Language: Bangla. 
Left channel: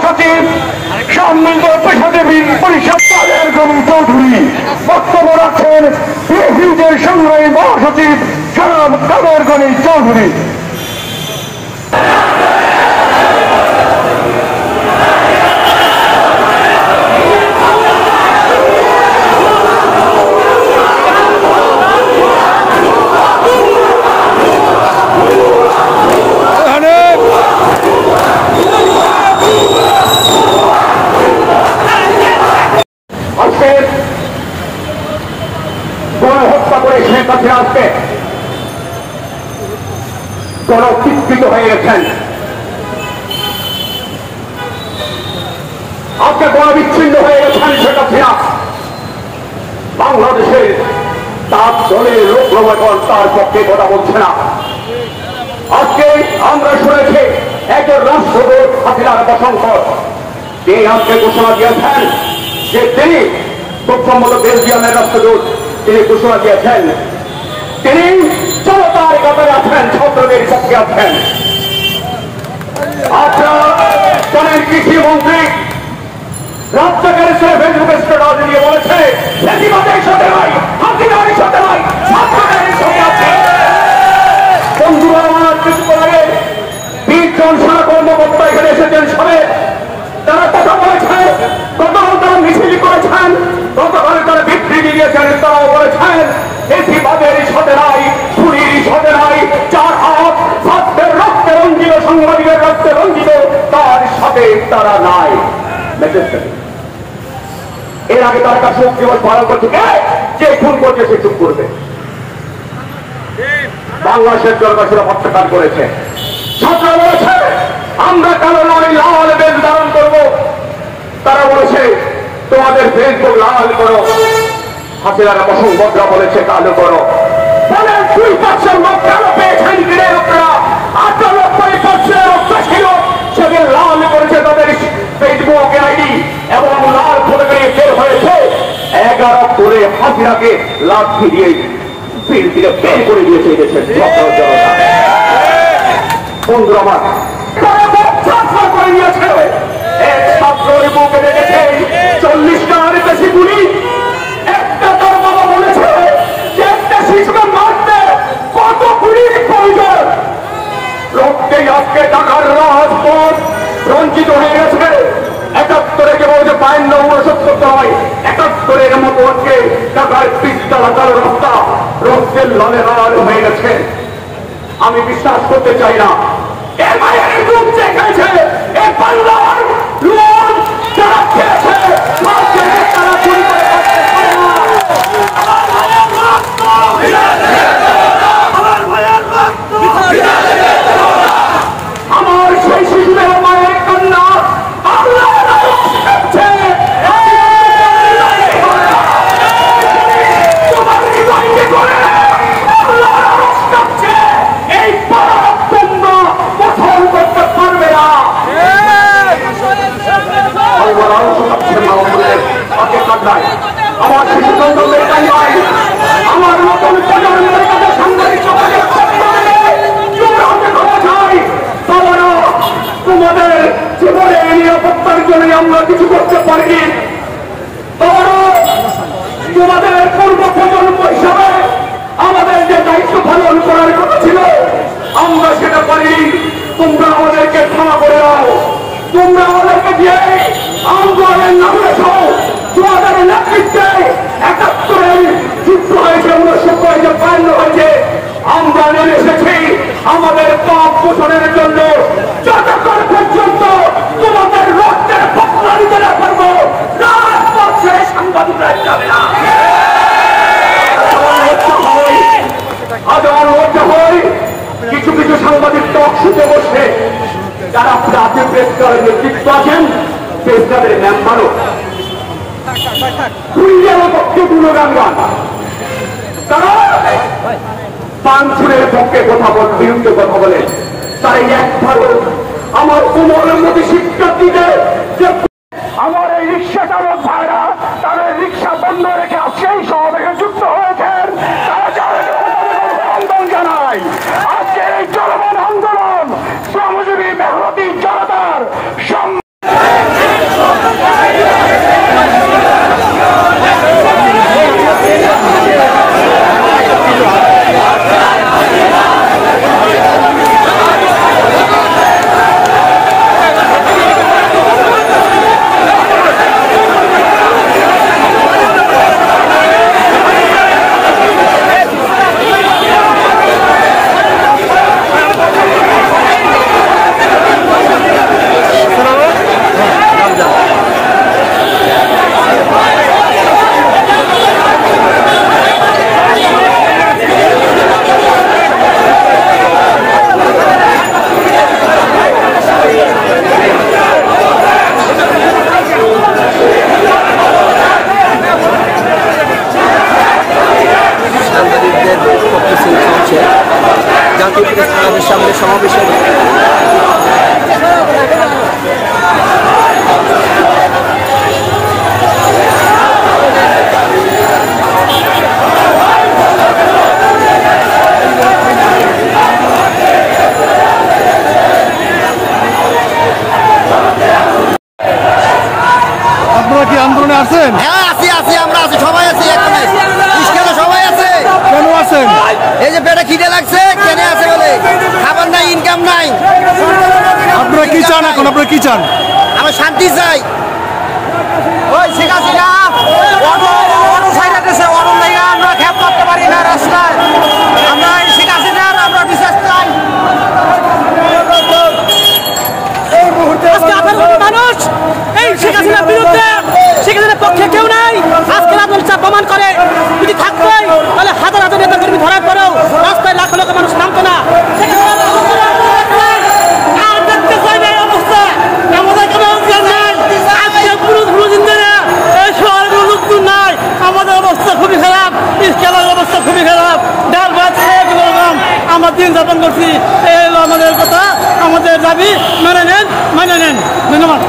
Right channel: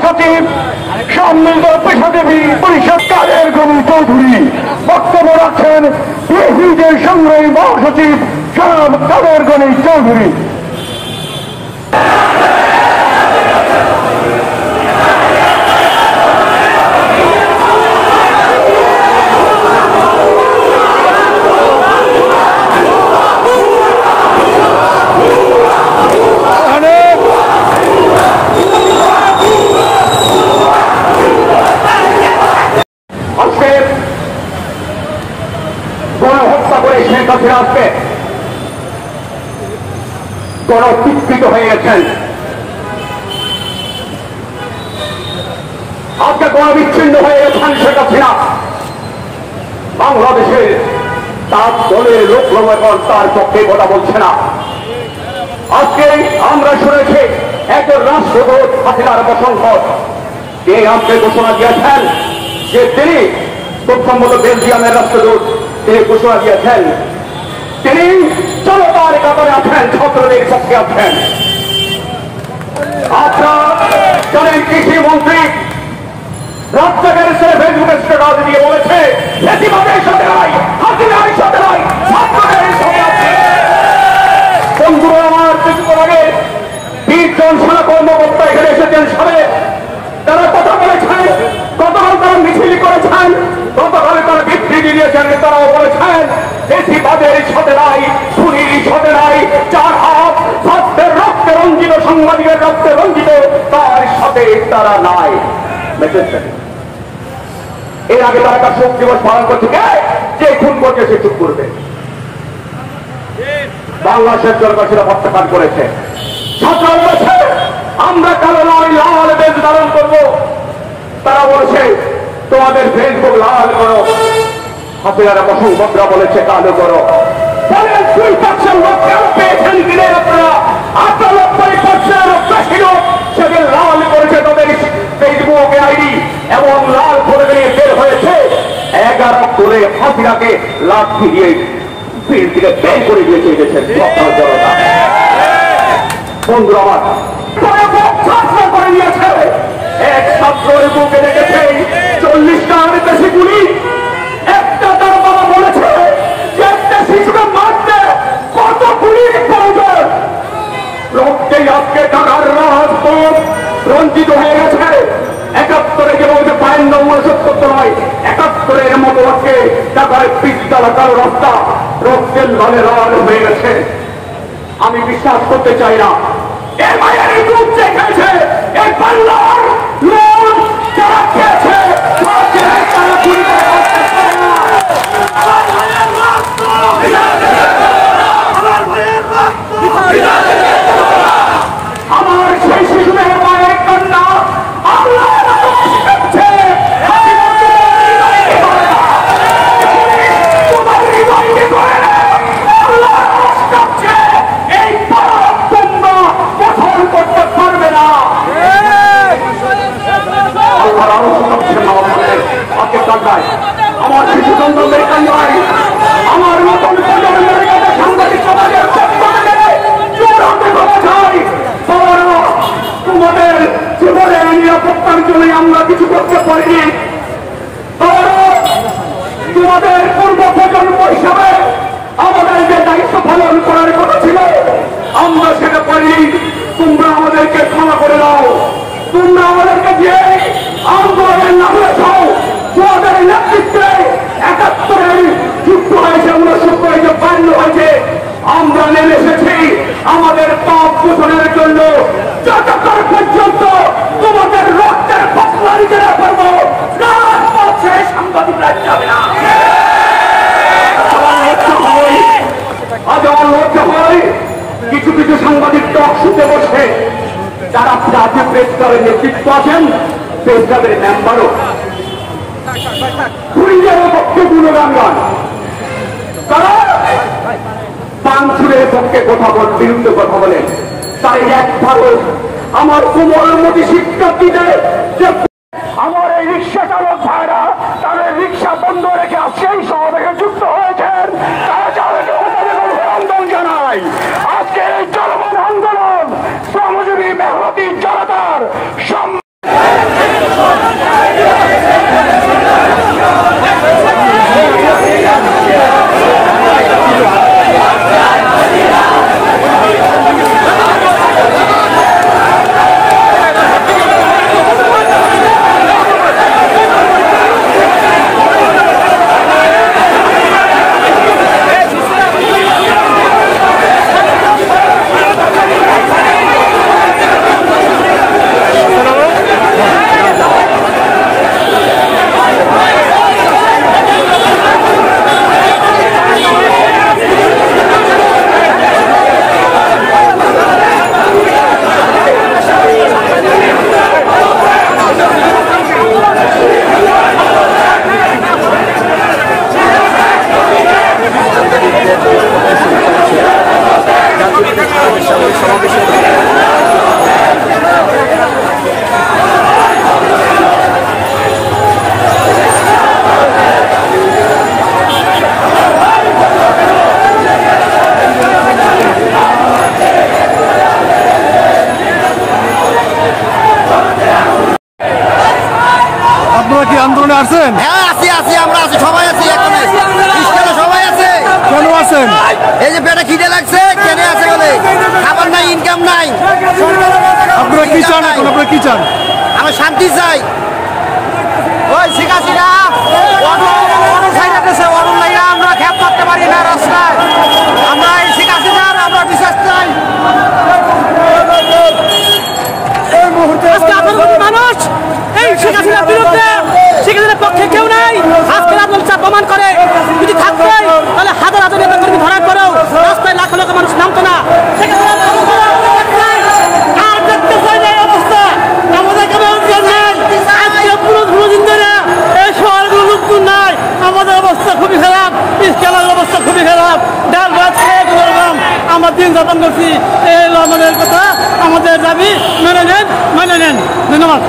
মহাসচিব সম্মিলিত পেশাজীবী পরিষদ কাদের গনি চৌধুরী বক্তব্য রাখছেন বিএনপির সংগ্রামী মহাসচিব জনাব কাদের গনি চৌধুরী। গণহত্যা করে শেখ হাসিনা আজকে গণচিত্রিত হয়ে গেছেন, আজকে গণবিচ্ছিন্ন হয়ে গেছেন শেখ হাসিনা। বাংলাদেশের তার দলের লোক লবণ তার পক্ষে কথা বলছে না। আজকে আমরা শুনেছি একজন রাষ্ট্রদূত হাসিনার প্রশংসক কে আজকে ঘোষণা দিয়েছেন যে তিনি খুব সম্ভবত বেলজিয়ামের রাষ্ট্রদূত, তিনি ঘোষণা দিয়েছেন তিনি জনতার কাতারে আছেন, ছাত্রদের পক্ষে আছেন। আপনারা জানেন কৃষিমন্ত্রী রাজ্জাকের ফেসবুকে স্ট্যাটাস দিয়ে বলেছে বেশিরভাগের সাথে নয়, হাসিনার সাথে নয়, ছাত্রদের সাথে আছে। বন্ধুরা আমার কিছুক্ষণ আগে 20 জন সেনা কর্মকর্তা এখানে এসেছেন সবে, তারা কথা বলেছেন, গতকাল তারা মিছিল করেছেন, গতকালে তারা বিবৃতি দিয়েছেন, তারাও বলেছেন বেশিরভাগের সাথে নাই, খুনির সাথে নাই, যার হাত ছাত্রের রক্তে রঞ্জিত, সাংবাদিকের রক্তে রঞ্জিত, তার সাথে তারা নাই। এর আগে তার কাছে শোক দিবস পালন করছে, যে খুন করছে সে চুপ করবে। বাংলাদেশের জনগণের প্রত্যাখ্যান করেছে। ছাত্ররা বলেছে আমরা কালো নয় লাল বেশ ধারণ করবো, তারা বলেছে তোমাদের ফেসবুক লাল করো, হাসিনারা প্রসঙ্গরা বলেছে কালো করো। ফলে 2% লোক কেন পেয়েছেন কিনে আপনারা 98% লোক ছিল সেদিন লাল করেছে তাদের ফেসবুক আইডি এবং লাল করে বের হয়েছে 11 করে হাসিনাকে লাঠি দিয়ে ফিল্ড থেকে বের করে দিয়েছে দেশের ছাত্র জনতা। বন্ধু আমার ছাত্র করে দিয়েছে, এক ছাত্রের বুকে দেখেছে 40টার বেশি গুলি। একটা তার বাবা বলেছে যে একটা শিশুকে মারতে কত গুলির প্রয়োজন। রক্তে আজকে টাকার রাজপথ রঞ্জিত হয়ে গেছে। 71-এ যে বলছে 52-69 নয়, 71-এর মতো আজকে টাকার পিস্তলা কালো রাস্তা রক্তের লালে লাল হয়ে গেছে। আমি বিশ্বাস করতে চাই না এর মায়ের রূপ দেখেছে, এর পাল্লার লোন যারা খেয়েছে তারা চুরি করে করতে পারে না। আমার ভাইয়ের রক্ত, আমার ভাইয়ের রক্ত, আমার সেই শিশুদের মায়ের কান্না আল্লাহ করছে। এই পাপ তোমরা পছন্দ করতে পারবে না। আমার শিশু সন্তানদের কান্নায়, আমার নতুন প্রজন্মের কাছে সাংবাদিক সমাজের পক্ষ থেকে জোরাতে ভাবা যায়। বাবারা, তোমাদের জীবনের নিরাপত্তার জন্য আমরা কিছু করতে পারিনি। বাবারা, তোমাদের পূর্ব প্রজন্ম হিসাবে আমাদের যে দায়িত্ব পালন করার কথা ছিল আমরা সেটা পারিনি। তোমরা আমাদেরকে ক্ষমা করে দাও। তোমরা আমাদেরকে দিয়ে আন্দোলনের নামিয়েছ। তোমাদের নেতৃত্বে 71-এর যুদ্ধ হয়েছে, 69 হয়েছে, 52 হয়েছে। আমরা নেমে এসেছি আমাদের পাপ পোষণের জন্য। যতক্ষণ পর্যন্ত তোমাদের রক্তের বদলা নিতে না পারবো রাজপথ ছেড়ে সাংবাদিকরা যাবে না। আজ আমার লজ্জা হয় কিছু কিছু সাংবাদিক টক শুতে বসে যারা আপনি প্রেস ক্লাবের নেতৃত্ব আছেন, প্রেস ক্লাবের মেম্বারও পক্ষে গুণগান গান, তারা পানছুরের পক্ষে কথা বলেন, বিরুদ্ধে কথা বলেন। তাই একবারও আমার কোমরের মধ্যে শিক্ষার্থীদের যে আমার এই রিক্সা চালক ভাইরা তাদের রিক্সা বন্ধ রেখে সেই সমাবেশে যুক্ত হয়েছেন, আন্দোলন জানাই। আজকে এই জনগণ আন্দোলন শ্রমজীবী মেহনতি জনতার সামনে সমাবেশ হবে। আপনারা কি আন্দোলনে আছেন? হ্যাঁ আছি, আমরা আছি, সবাই আছি, এখানে সবাই আছে। কেন আছেন? এই যে পেটে খিদে লাগছে, কেনে আছে বলে, খাবার নাই, ইনকাম নাই। আপনারা কি চান এখন? আপনারা কি চান? আমরা শান্তি চাই। ওই ঠিক আছে না, অটো সাইড আছে, অটো লাইনা আমরা খেপ করতে পারি না রাস্তায়। আমরা এই ঠিক আছে না, আমরা বিশ্বাস চাই। আজকে 18 কোটি মানুষ এই শেখ হাসিনার বিরুদ্ধে, শেখ হাসিনার পক্ষে কেউ নাই। আজকে আন্দোলন প্রমাণ করে যদি থাকতোই তাহলে হাজার হাজার নেতা কর্মী ধরার পরেও রাস্তায় লাখ লাখ মানুষ নামতো না। শেখ হাসিনার আর দেখতে চাই না এই অবস্থা, আমাদের কোনো অঞ্চল নাই। আজকে পুরো দিন ধরে এই শহরগুলো লোকজন নাই। আমাদের অবস্থা খুবই খারাপ, স্কেলের অবস্থা খুবই খারাপ। ডাল ভাত খেয়ে কোনো রকম আমরা দিন যাপন করছি। এই হলো আমাদের কথা, আমাদের দাবি মেনে নেন। ধন্যবাদ।